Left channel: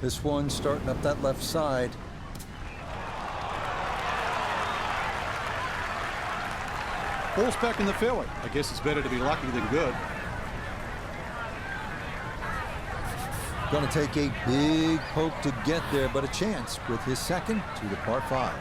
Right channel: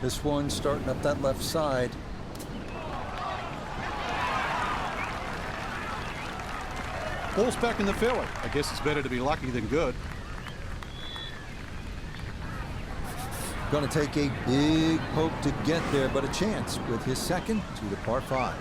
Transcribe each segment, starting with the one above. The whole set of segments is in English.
This one starting up that left side. Ball's back in the fairway. I guess it's better to be lucky than good. Going to take a big poke to get there, but a chance with his second to the par 5.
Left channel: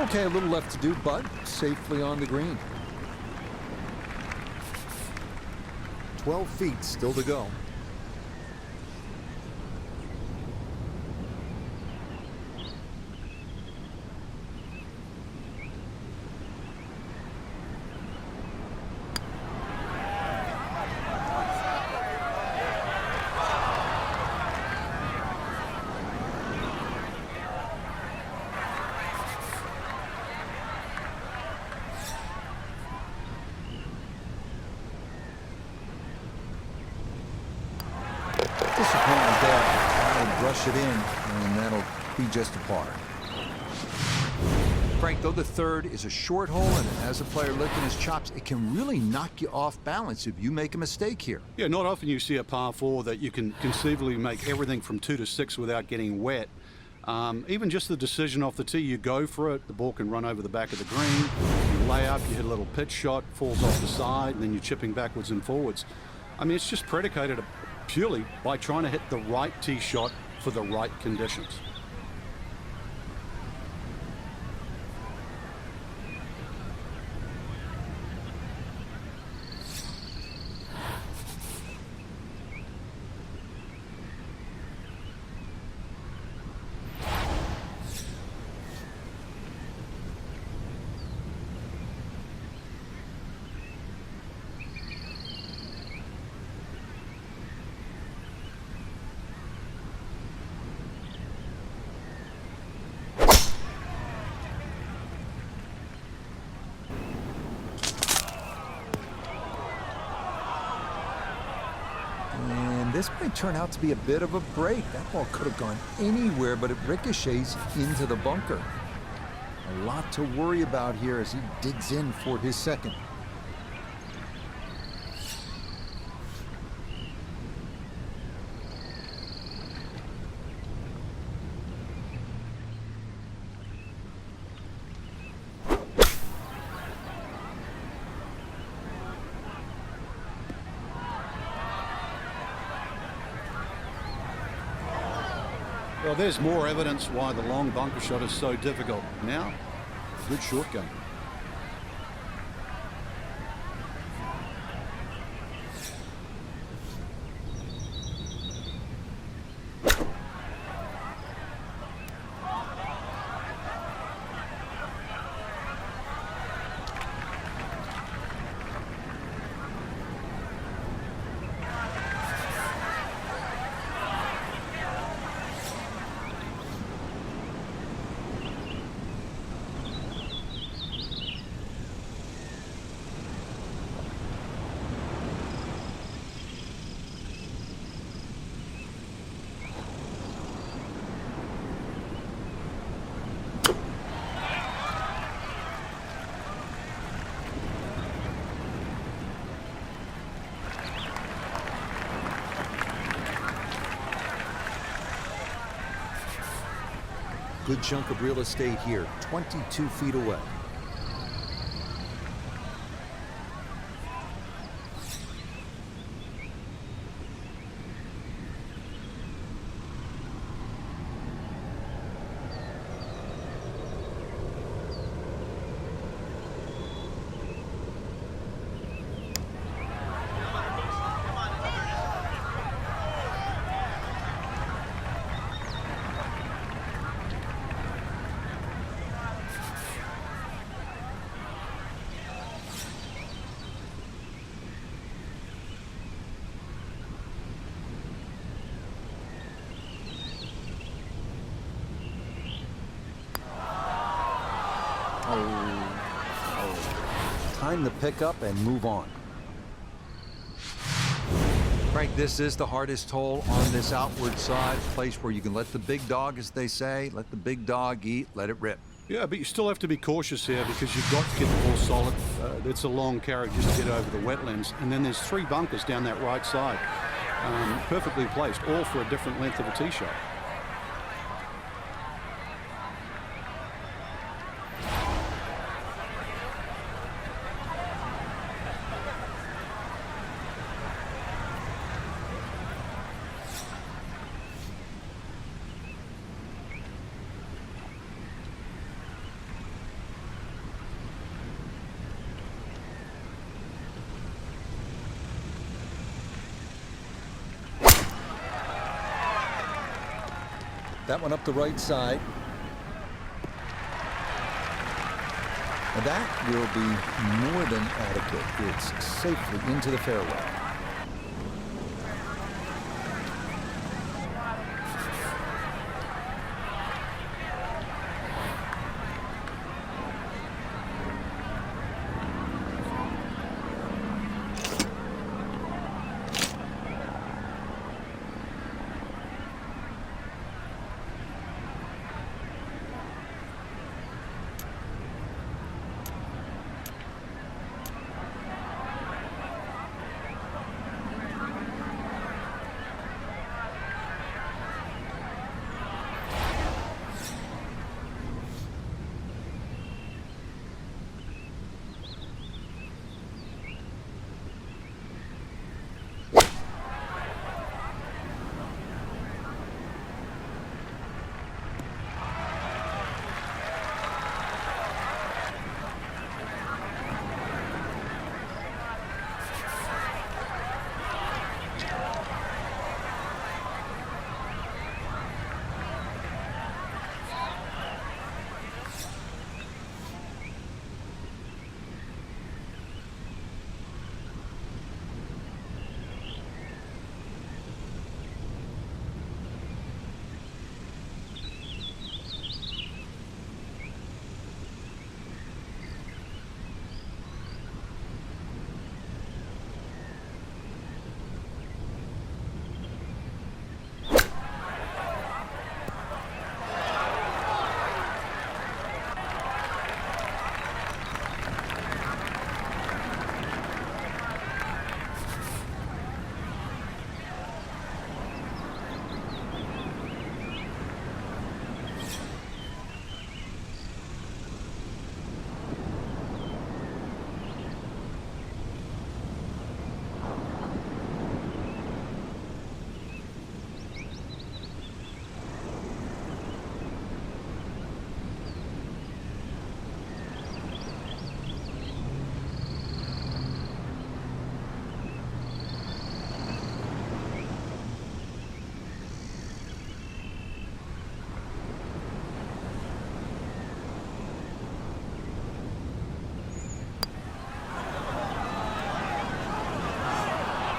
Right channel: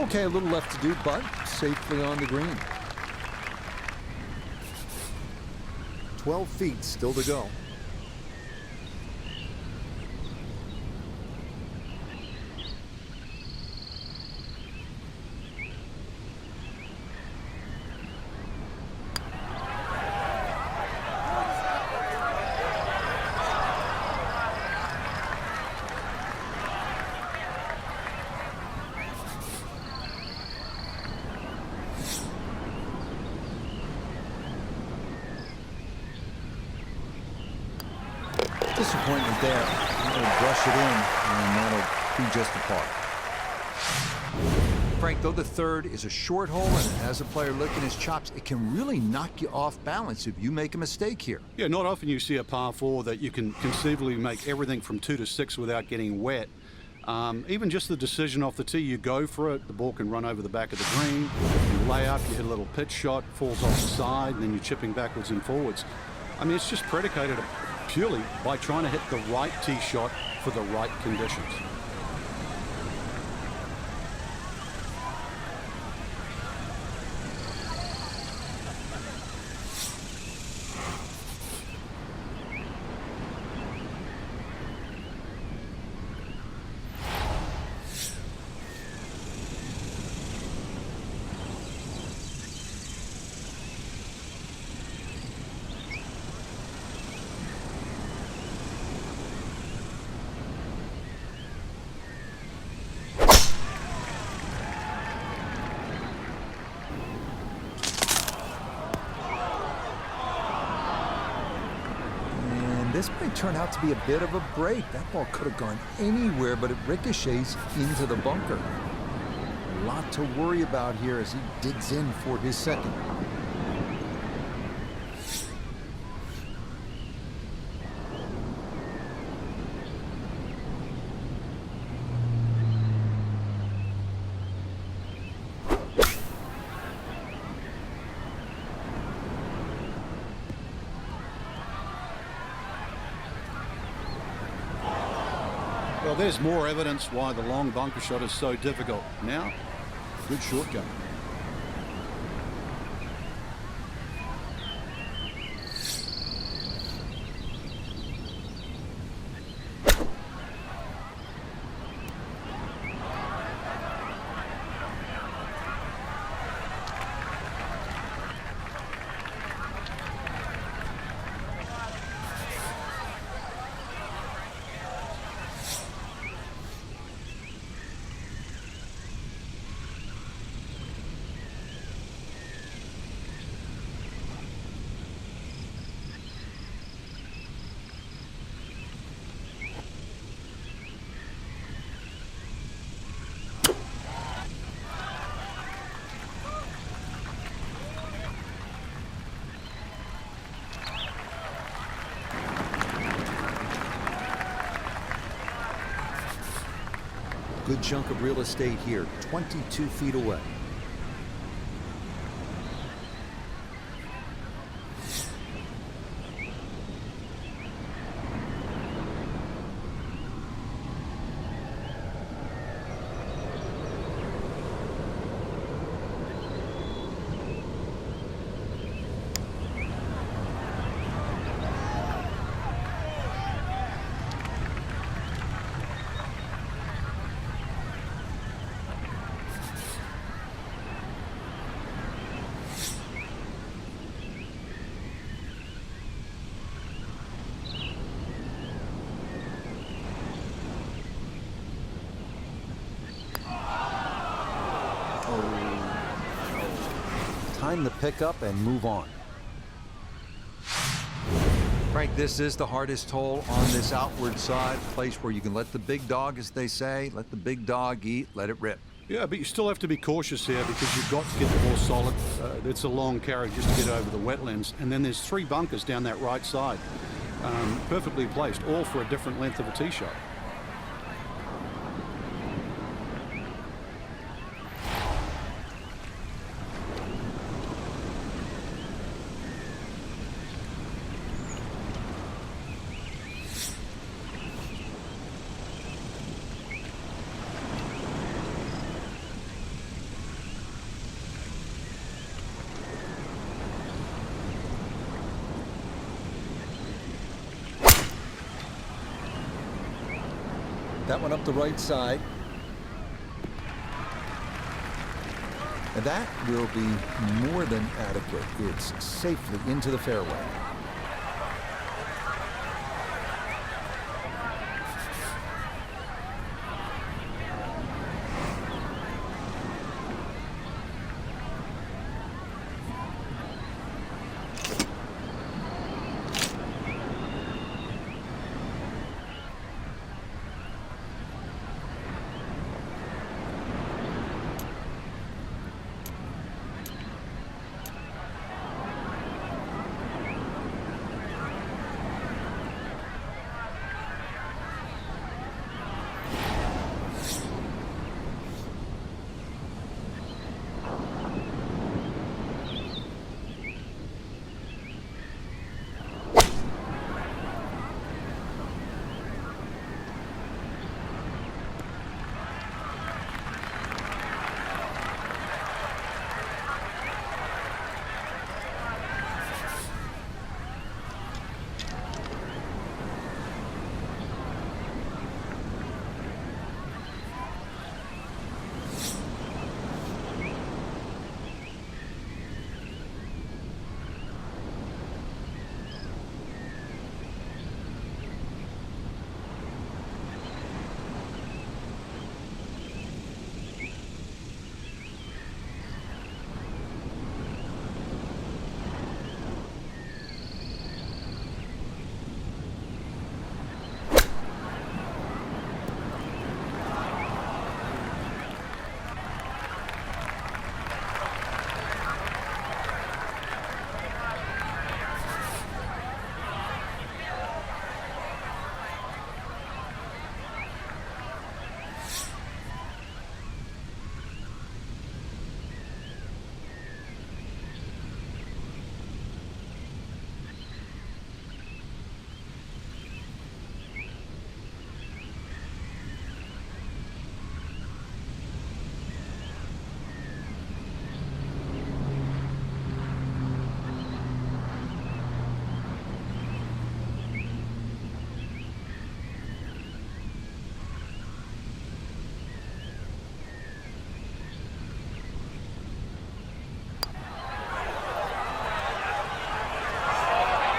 Okay, a little left to do, but safely on the green. 12 feet still to go. Disappointment there. That'll brush it in, and that'll be just a par. Frank, though the third is a short hole and it has a player licking his chops, it can really knock you off balance if you make a mistake here. Yeah, not often you see a par 4 that you can conceivably make everything from 2 to 6 without getting wet. Even just the decision off the tee, you go for it, the ball can run over the back of the green, you lay up, you hit a little pitch shot, falls off the side, and then you're chipping backwards and forwards. I mean, it's just predicated purely by trying to hit the right tee shot for the right conditions. This might turn out to be a bit of a break. That ball could have gone anywhere, but it ricochets into the bunker. A lot to worry about here as he digs in for his second. Well, there's more evidence why the long bunker shot is so difficult. Now, a good short game. Good chunk of real estate here, 22 feet away. Time to pick up and move on. Frank, this is the hardest hole on this outward side, a place where you can let the big dog, as they say, let the big dog eat, let it rip. Yeah, but you still have to be cautious here because you've got to get the ball solid. It's a long carry just to get over the wetlands. And then there's 3 bunkers down that right side. Perfectly placed, all for a different length of a tee shot. That one up the right side. And that will be more than adequate. It's safely into the fairway.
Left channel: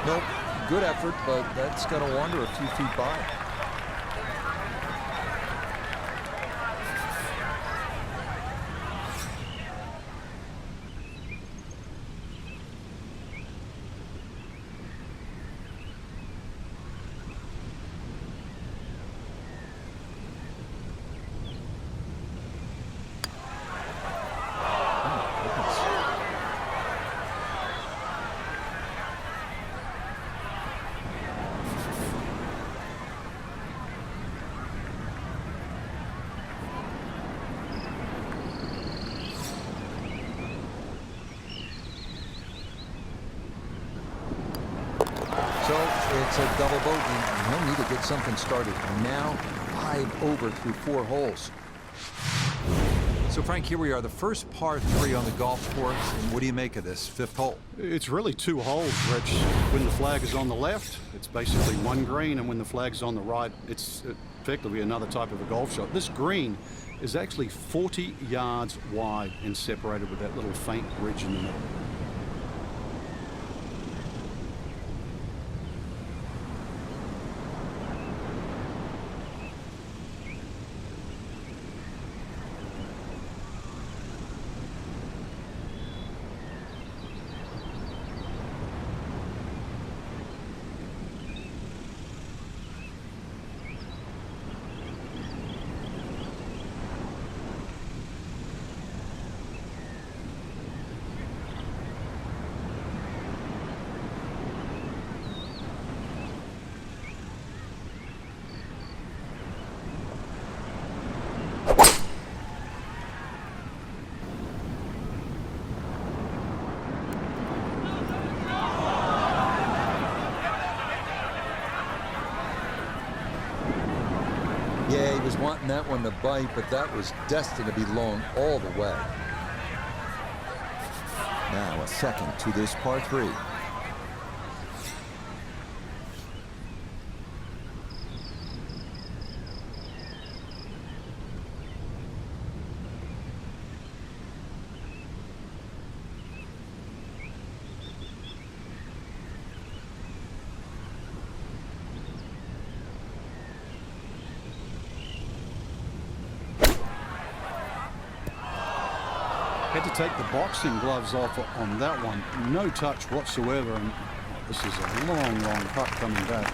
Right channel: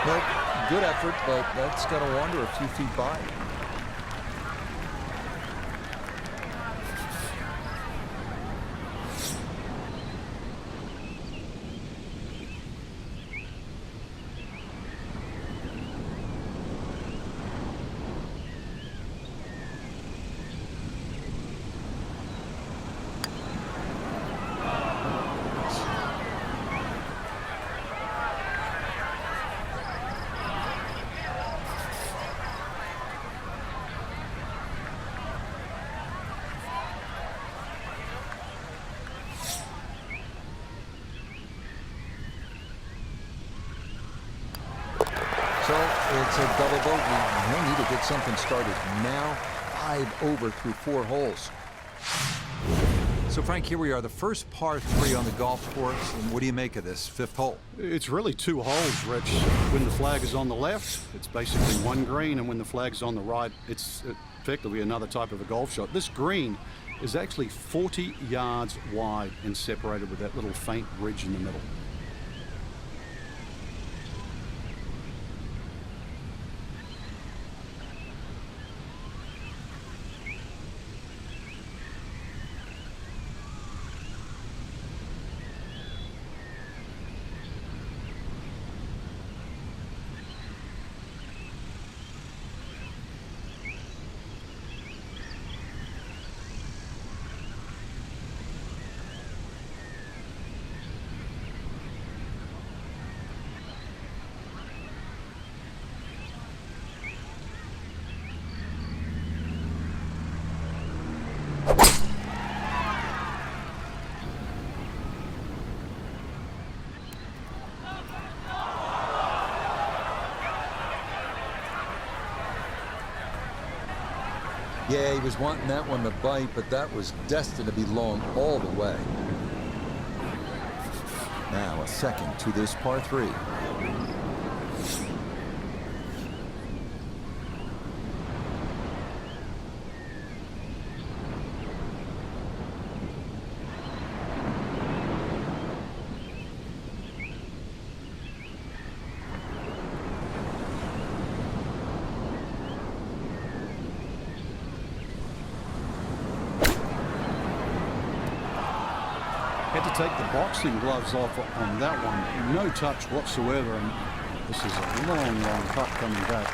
Nope, good effort, but that's going to wander a few feet by. So it's a double bogey, and he'll need to get something started now. 5 over through 4 holes. So, Frank, here we are, the first par 3 on the golf course. And what do you make of this 5th hole? It's really 2 holes, Rich. When the flag is on the left, it's basically 1 green, and when the flag's on the right, it's effectively another type of a golf shot. This green is actually 40 yards wide and separated with that little faint ridge in the middle. Yeah, he was wanting that one to bite, but that was destined to be long all the way. Now a second to this par 3. Had to take the boxing gloves off on that one. No touch whatsoever, and this is a long, long putt coming back.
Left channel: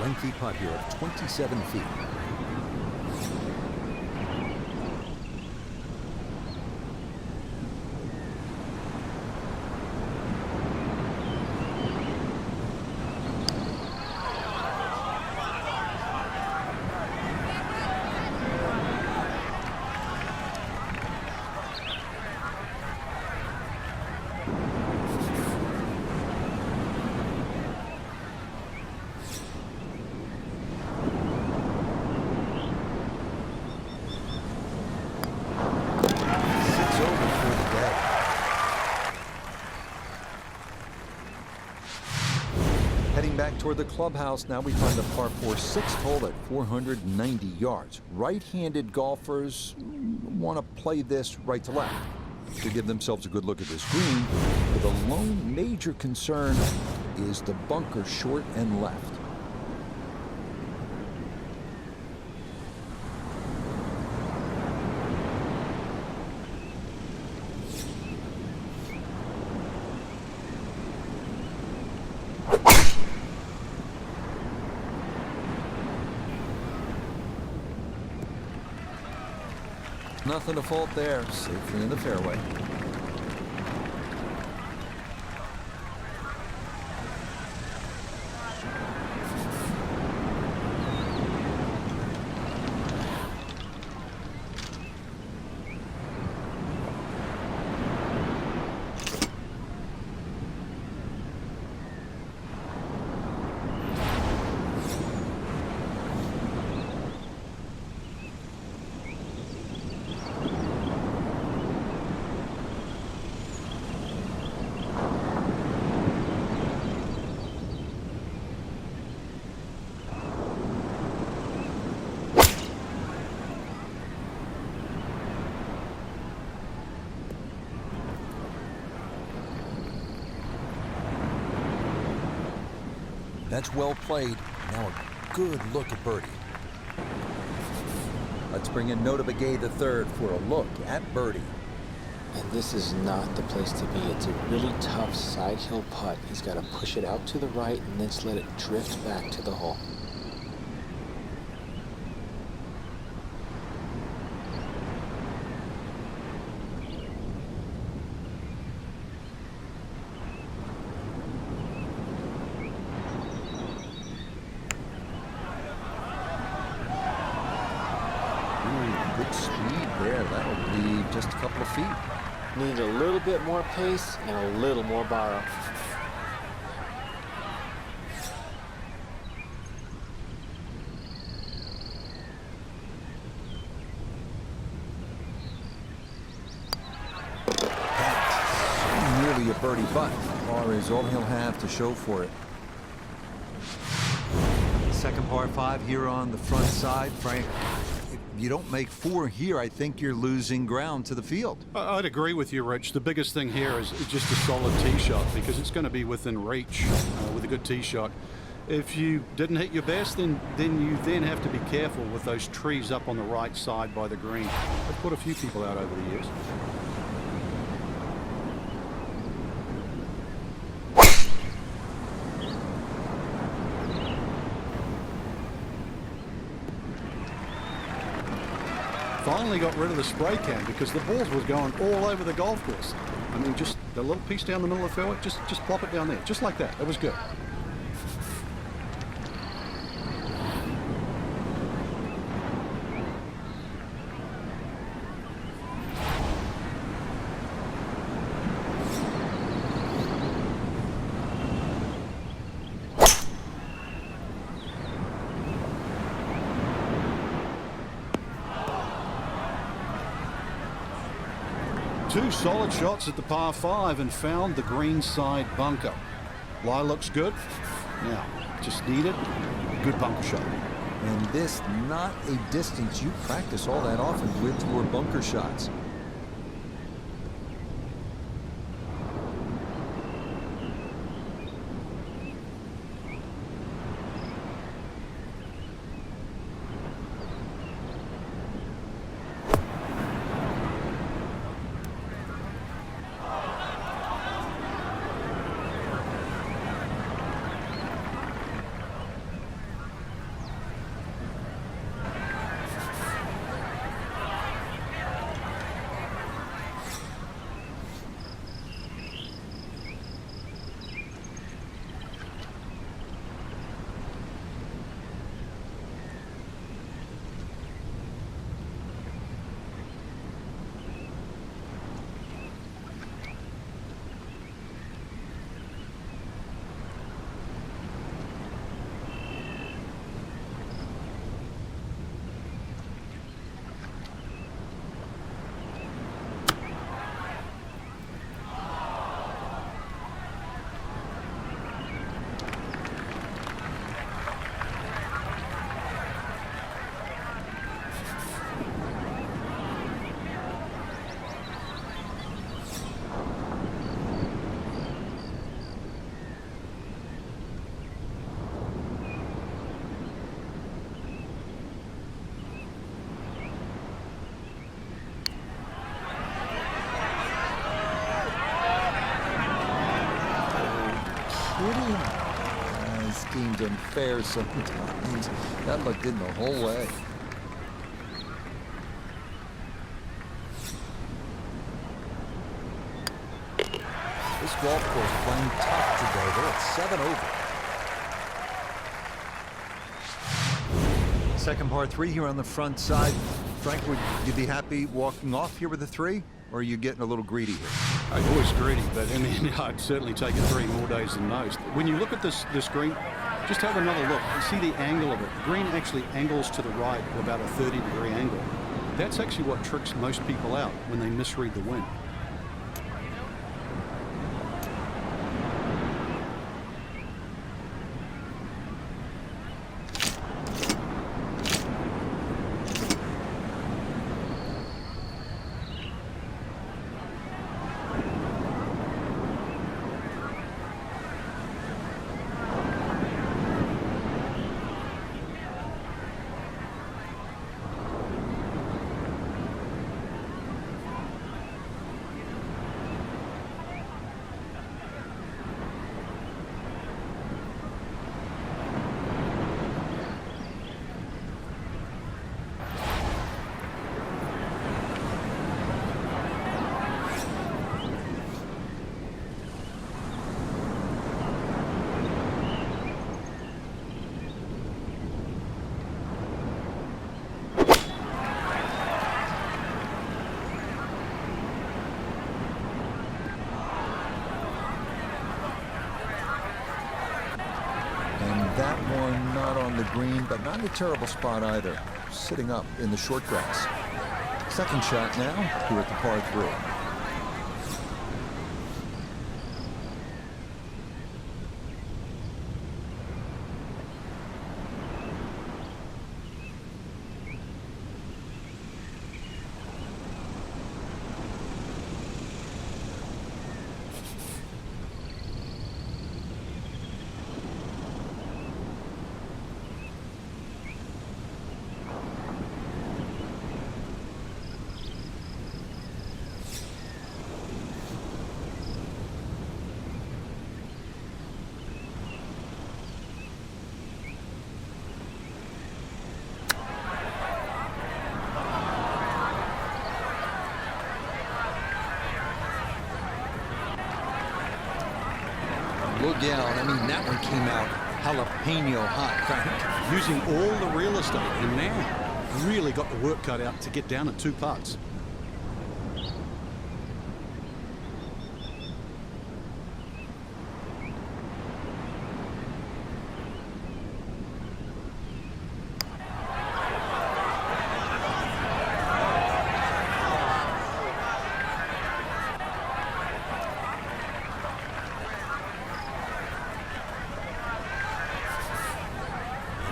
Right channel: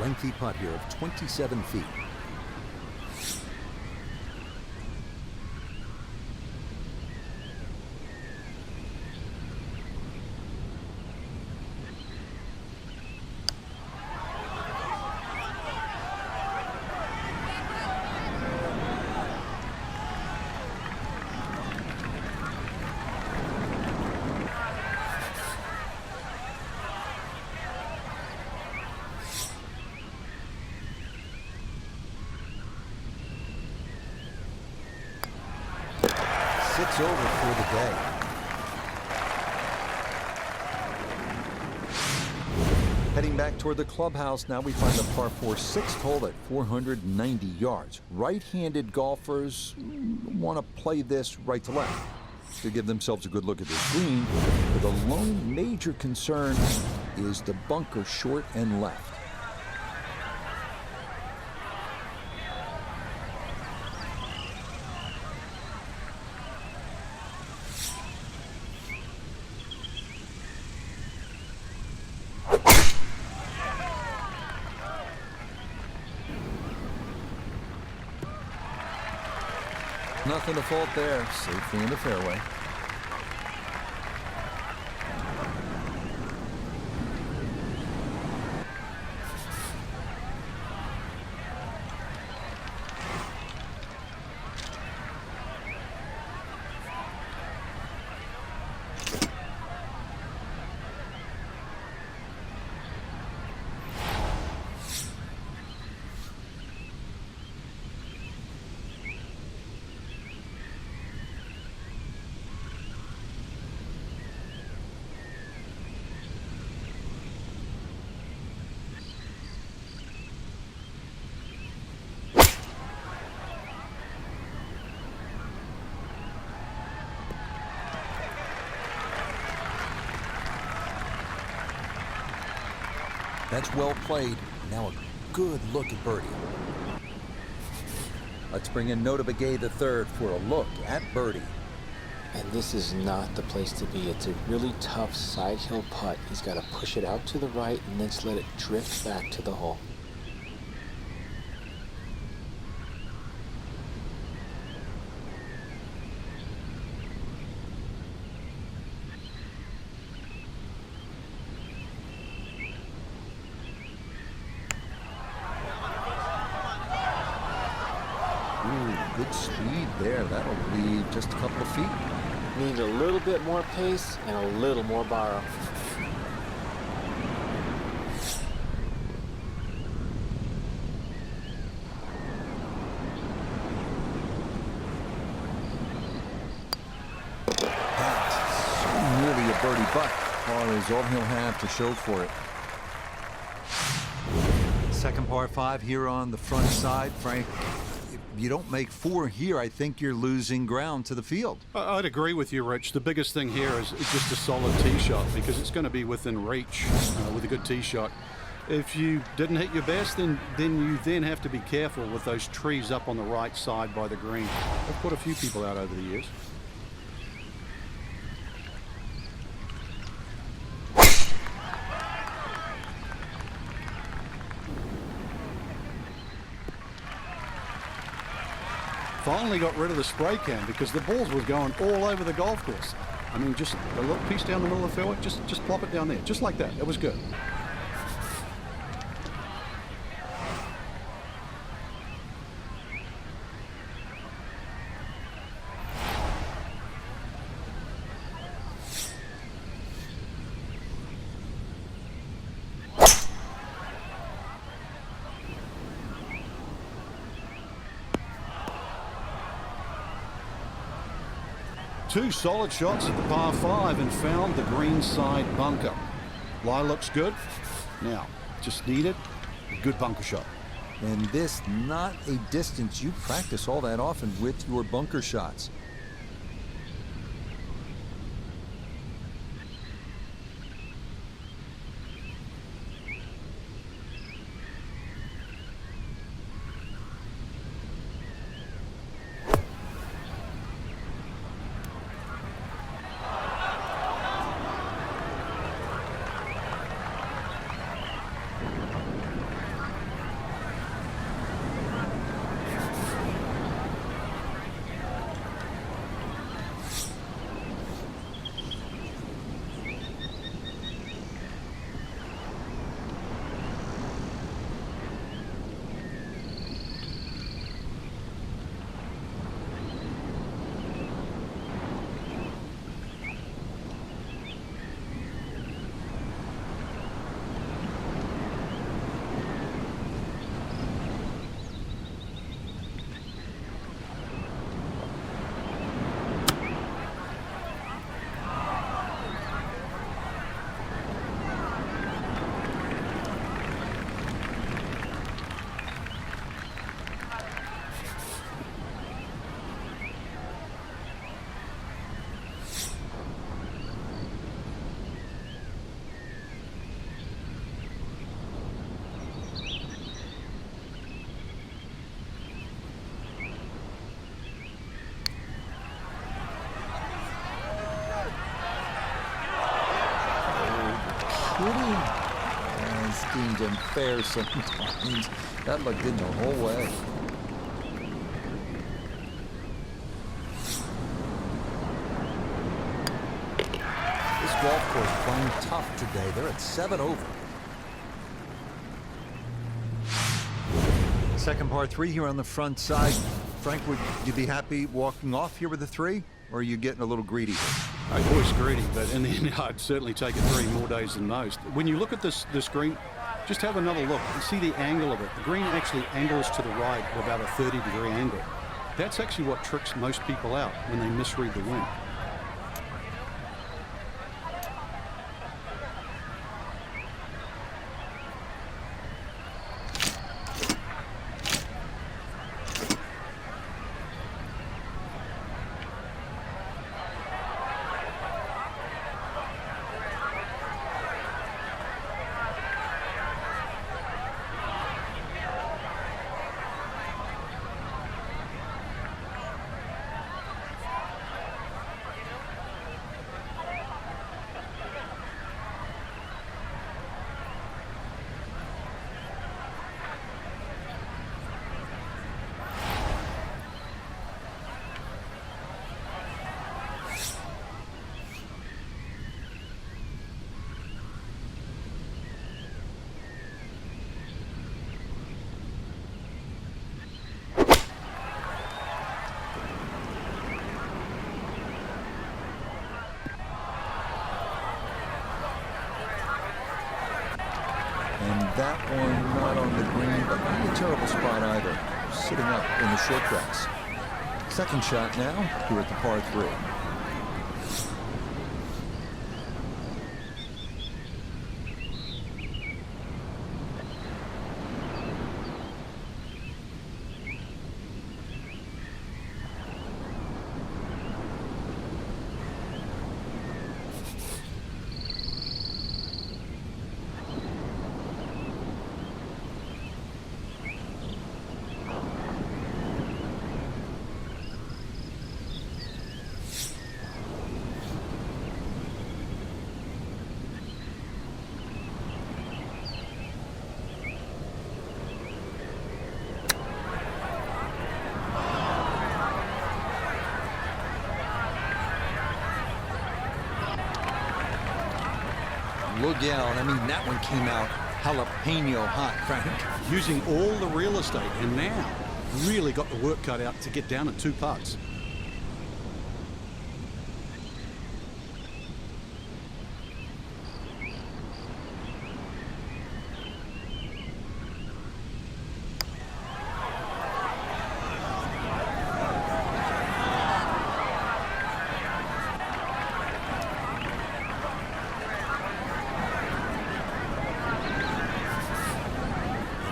Lengthy putt here of 27 feet. Over for the day. Heading back toward the clubhouse, now we find the par 4 6th hole at 490 yards. Right-handed golfers want to play this right to left to give themselves a good look at this green. But the lone major concern is the bunker short and left. Nothing to fault there, safely in the fairway. That's well played. Now a good look at birdie. Let's bring in Nota Begay III for a look at birdie. And this is not the place to be. It's a really tough side hill putt. He's got to push it out to the right and then just let it drift back to the hole. Good speed there. That'll leave just a couple of feet. Need a little bit more pace and a little more borrow. That's so nearly a birdie putt. Par is all he'll have to show for it. Second par 5 here on the front side, Frank. If you don't make 4 here, I think you're losing ground to the field. I'd agree with you, Rich. The biggest thing here is just a solid tee shot, because it's going to be within reach with a good tee shot. If you didn't hit your best, then you have to be careful with those trees up on the right side by the green. I've put a few people out over the years. Finally got rid of the spray can because the balls was going all over the golf course. I mean, just a little piece down the middle of the fairway, just plop it down there, just like that. That was good. Two solid shots at the par 5 and found the green side bunker. Lie looks good. Now, just needed a good bunker shot. And this not a distance you practice all that often with your bunker shots. It's deemed unfair sometimes. That looked in the whole way. This golf course playing tough today. They're at 7 over. Second par 3 here on the front side. Frank, would you be happy walking off here with a 3? Or are you getting a little greedy here? I'm always greedy, but in the end, I'd certainly take a 3 more days than most. When you look at this green, just have another look and see the angle of it. The green actually angles to the right at about a 30-degree angle. That's actually what tricks most people out when they misread the wind. on the green, but not a terrible spot either. Sitting up in the short grass. Second shot now here at the par 3. Look out. I mean, that one came out jalapeno hot, Frank. Using all the real estate, and now really got the work cut out to get down in 2 putts.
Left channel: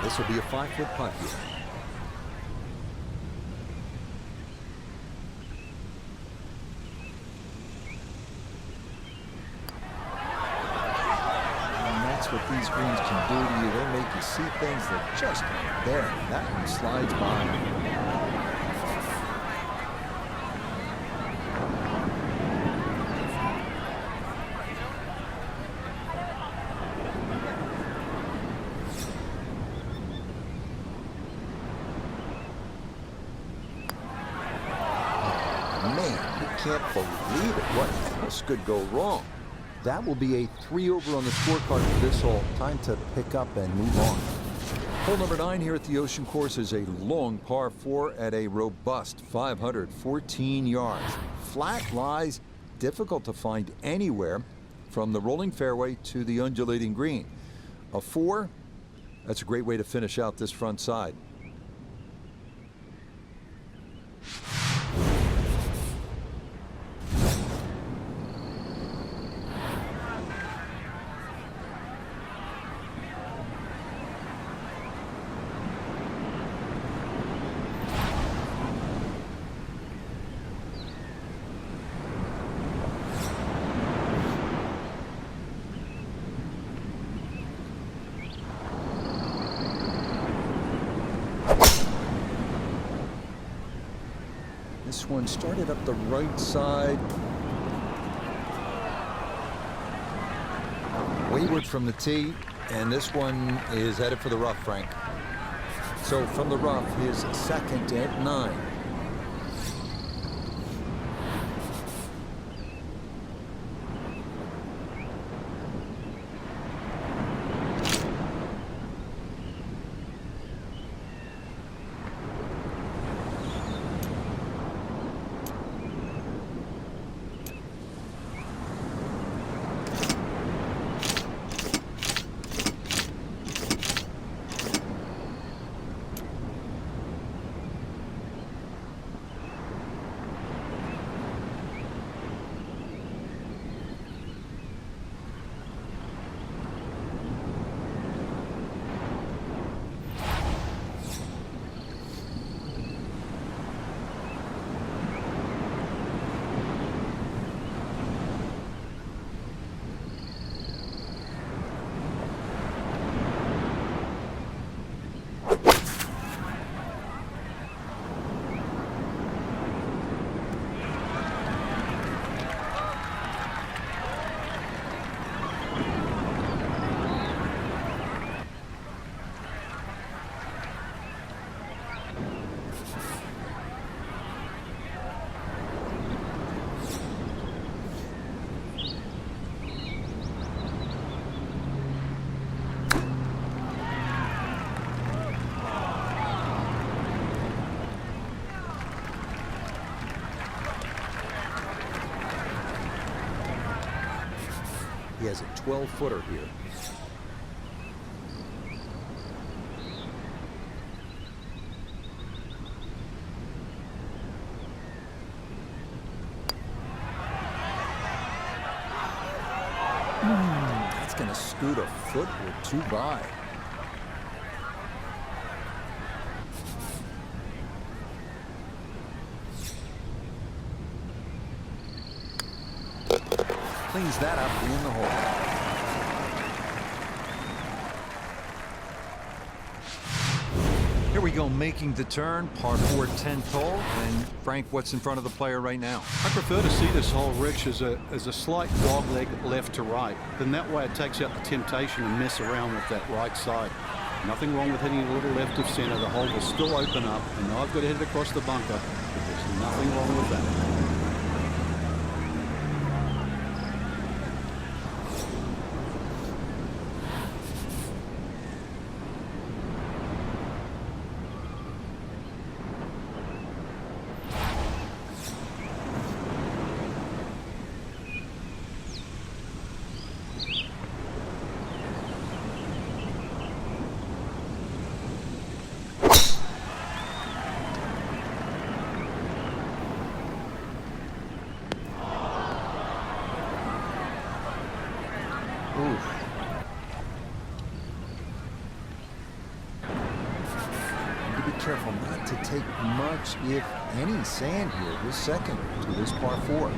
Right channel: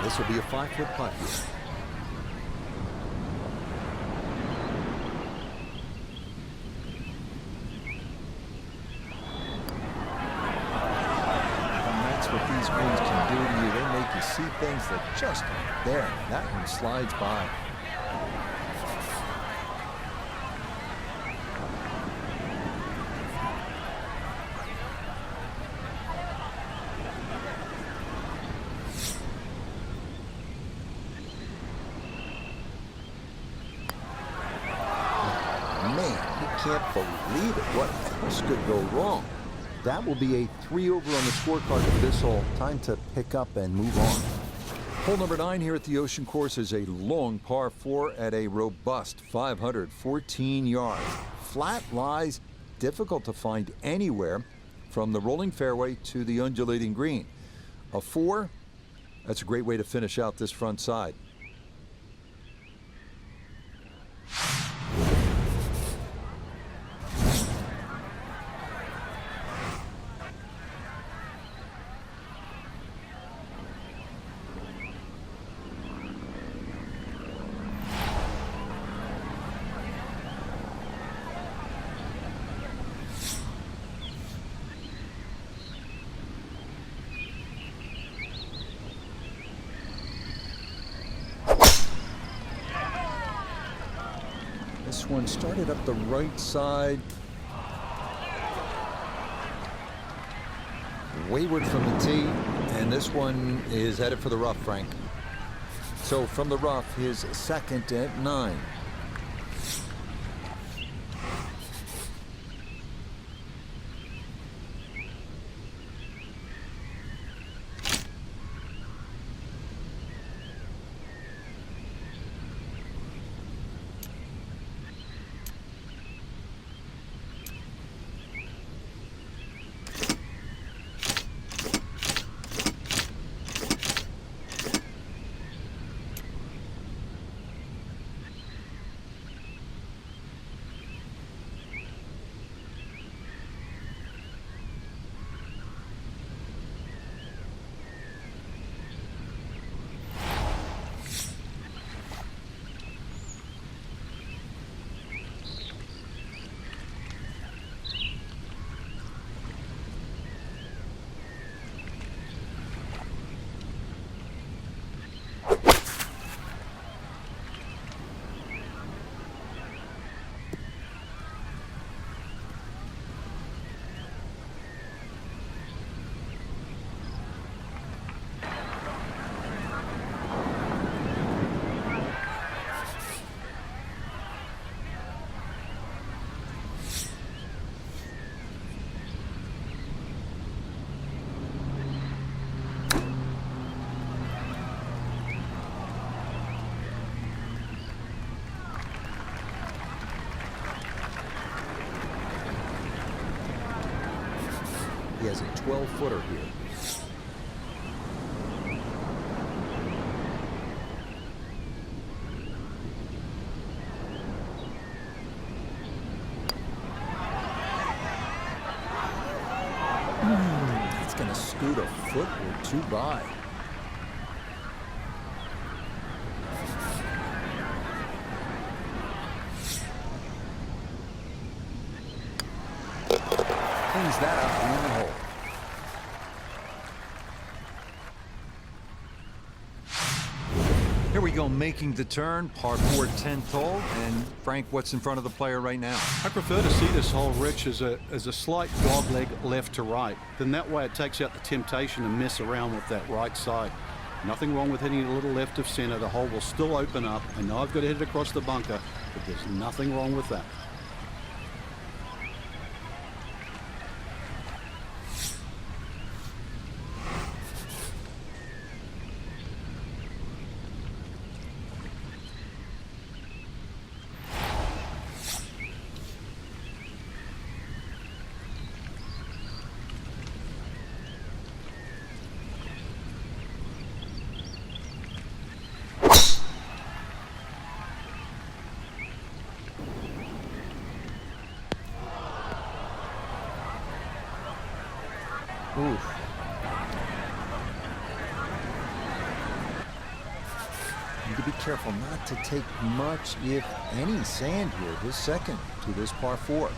This will be a 5-foot putt here. And that's what these greens can do to you. They make you see things that just aren't there. That one slides by. Man, you can't believe it. What else could go wrong? That will be a 3 over on the scorecard for this hole. Time to pick up and move on. Hole number 9 here at the Ocean Course is a long par 4 at a robust 514 yards. Flat lies, difficult to find anywhere from the rolling fairway to the undulating green. A 4, that's a great way to finish out this front side. This one started up the right side. Wayward from the tee, and this one is headed for the rough, Frank. So from the rough, his second at 9. He has a 12-footer here. scoot a foot or two by. Cleans that up in the hole. Here we go, making the turn, par 4, 10th hole. And Frank, what's in front of the player right now? I prefer to see this hole, Rich, as a slight dog leg left to right. Then that way it takes out the temptation to mess around with that right side. Nothing wrong with hitting a little left of center. The hole will still open up. I know I've got to hit it across the bunker, but there's nothing wrong with that. Oof. Need to be careful not to take much, if any, sand here. His second to this par 4.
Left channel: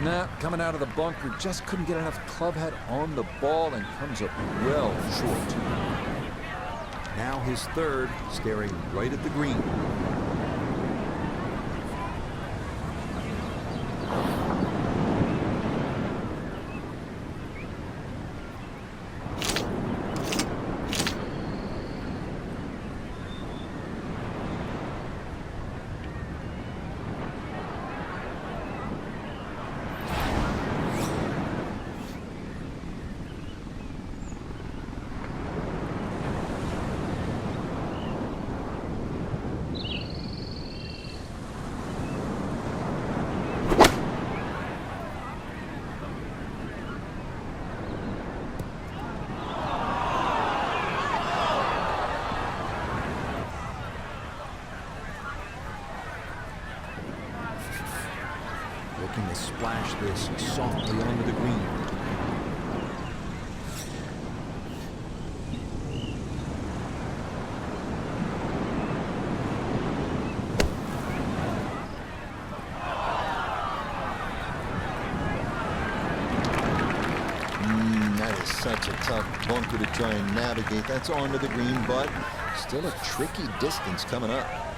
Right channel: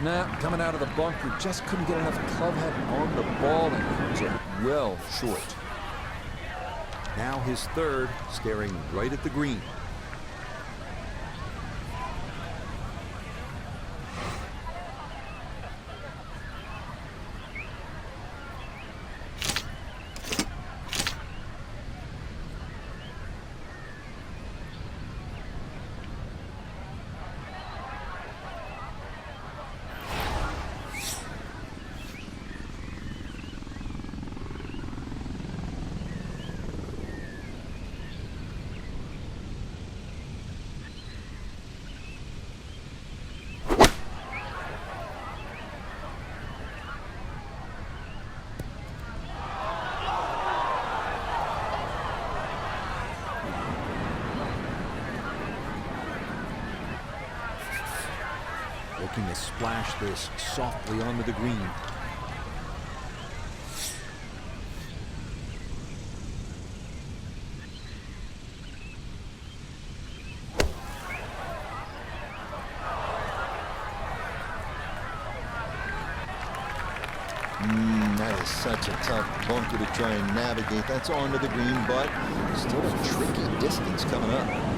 Nah, coming out of the bunker, just couldn't get enough club head on the ball and comes up well short. Now his third, staring right at the green. Looking to splash this softly onto the green. That is such a tough bunker to try and navigate. That's onto the green, but still a tricky distance coming up.